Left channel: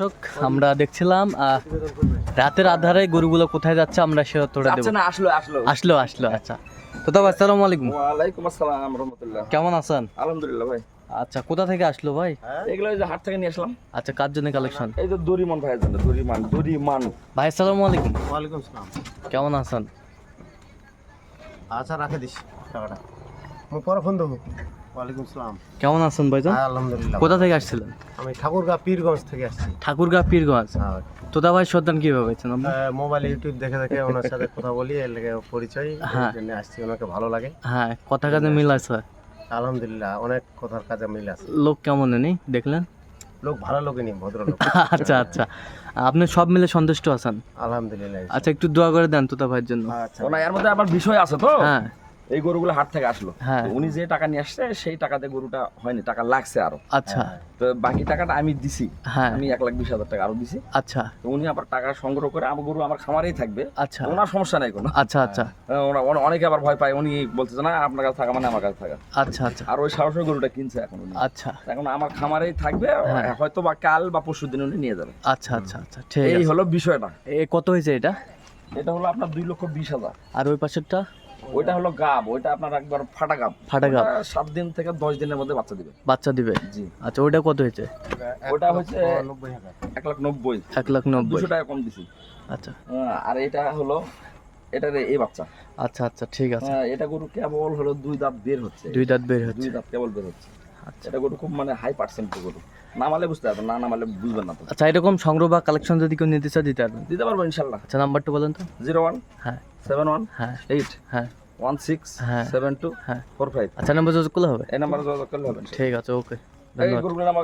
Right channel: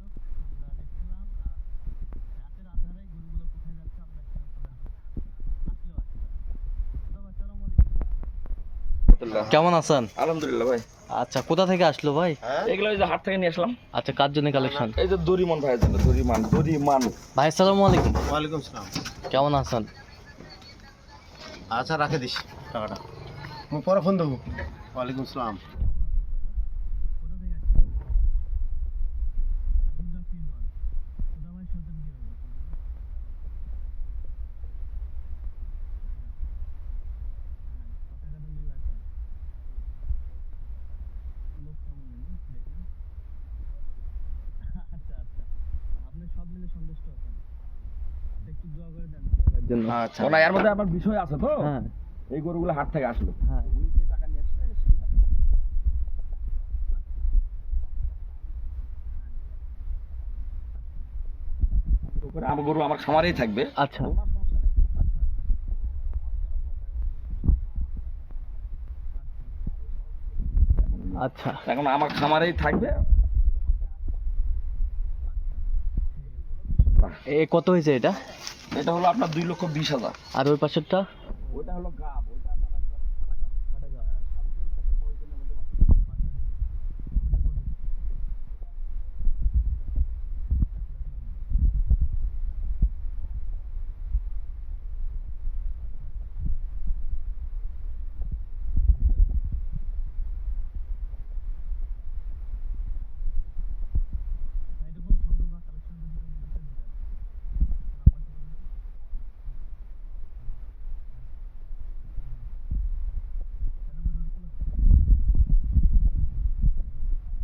দর্শক আমরা দেখছিলাম রাতের আধারে গরুগুলো কোথায় যাচ্ছে আমরা সে উত্তরটা দেব। না আসলো আচ্ছা তো তবে আসসালামু আলাইকুম। ওয়ালাইকুম আসসালাম রাহমাতুল্লাহ। কেমন আছেন? আলহামদুলিল্লাহ ভাই। আচ্ছা কোথা থেকে আসলো ভাই? এগুলো এই যে হাট থেকে নিয়ে আসলাম। আচ্ছা কার জন্য কালেকশন? এই যে দরিমান ভাইয়ের জন্য। দরিমান ভাই আসসালামু আলাইকুম। ওয়ালাইকুম সালাম। কেমন আছেন? আচ্ছা রাখে দিস টাকাটা, আমি পরে ফোন দেবো। ওয়ালাইকুম সালাম। কেমন আছেন ভাইজান? আলহামদুলিল্লাহ। কোথা থেকে আসছিলেন? আমি ঠাকুরগাঁ পীরগঞ্জ থেকে আসছি। ঠাকুরগাঁ পীরগঞ্জ। তোতা ভাই সন্তান কিভাবে পেয়েছেন আপনি? মোবাইল ইউটিউব দেখে দেখে ওনার সাথে কথা বলি, এর লেগে পরিচয়, হ্যাঁ। এই জন্য আসছি। ওনাকে ভালো লাগে। হ্যাঁ কথা কাজে মিল আছে। আলহামদুলিল্লাহ অনেক কথার কাজে মিল আছে। লোক কেমন নেই দেখলেন? লোক ভালো লোকই ভদ্রলোক। আচ্ছা আপনি সব মিলে সন্তুষ্ট আছেন? আলহামদুলিল্লাহ। আচ্ছা একটু দোয়া করে দেন তোতা ভাইয়ের জন্য। আচ্ছা ওনা এর মধ্যে আবার বিষয় আছে তো। হ্যাঁ এই গরুগুলো হাট থেকে আসলো। হ্যাঁ। তো উনি যে টাকা নিয়ে আসছে সেই টাকাতে গরুটা হয়নি, টাকা লাগছে আরো। আচ্ছা তো বাকি টাকাটা আমি দিছি। হ্যাঁ আমি 1,20,000 টাকা আরো দিছি। আচ্ছা তো উনি আবার টাকা সংগ্রহ করে আমার গরু আমার খামারেই থাকবে। আচ্ছা ওনার সমস্যা নাই কোনো। আচ্ছা অনেকে আবার ভয় পায়, উনি বলতেছে না আপনার কাছে থাকা মানে আমার কাছে থাকা। আচ্ছা আর ওই সাহসের গরুটা কিনছে এখন উনি। আচ্ছা এখন আমার খামারেই থাকবে, হ্যাঁ। হয়তো বা কাল বা পরশু দিন উনি নিয়ে যাবে। আচ্ছা ঠিক এই আছে। হলো বিষয়টা। কত হয়েছে এটা? এটা হলো আপনার 2,20,000। আর ওই পাশেরটা? ওইটা হলো গাব, ওইটা আপনার একবার ফাটা গাব। ফাটা গাব। 7 দিন থেকে 10 দিনের মধ্যে বাচ্চা দিবে। বাচ্চা দিবে? জি। আচ্ছা ওইটা কত হয়েছে? ওটা হচ্ছে 1,90,000। 1,90,000। 200 টাকা কম দিছি। আচ্ছা আর এটা হলো এটার এই বাচ্চা। আচ্ছা ঠিক আছে। এটা গরু কেবল হলো 2 দাঁত বের হচ্ছে। 2 দাঁত বের হচ্ছে। 2 দাঁত কেবল বের হচ্ছে। আচ্ছা এটা গরু খুব মানে হাই পার্সেন্ট গরু। নামালে বুঝতে পারবেন, না নামালে বুঝবেন না তো। আচ্ছা এরকম সংগ্রহ বা কালেকশন যদি কেউ নিতে চায় দিতে পারবেন? দিতে পারবো ইনশাল্লাহ। আচ্ছা নাম্বারটা বলেন তো। 01 হ্যাঁ 71 হ্যাঁ 8 হ্যাঁ 16 হ্যাঁ। 72 হ্যাঁ 45। আচ্ছা নাম্বার যোগাযোগ করলে হবে? এই নাম্বারে যোগাযোগ করলে হবে। ঠিক আছে ওকে এই ধন্যবাদ। গরুগুলোর নাম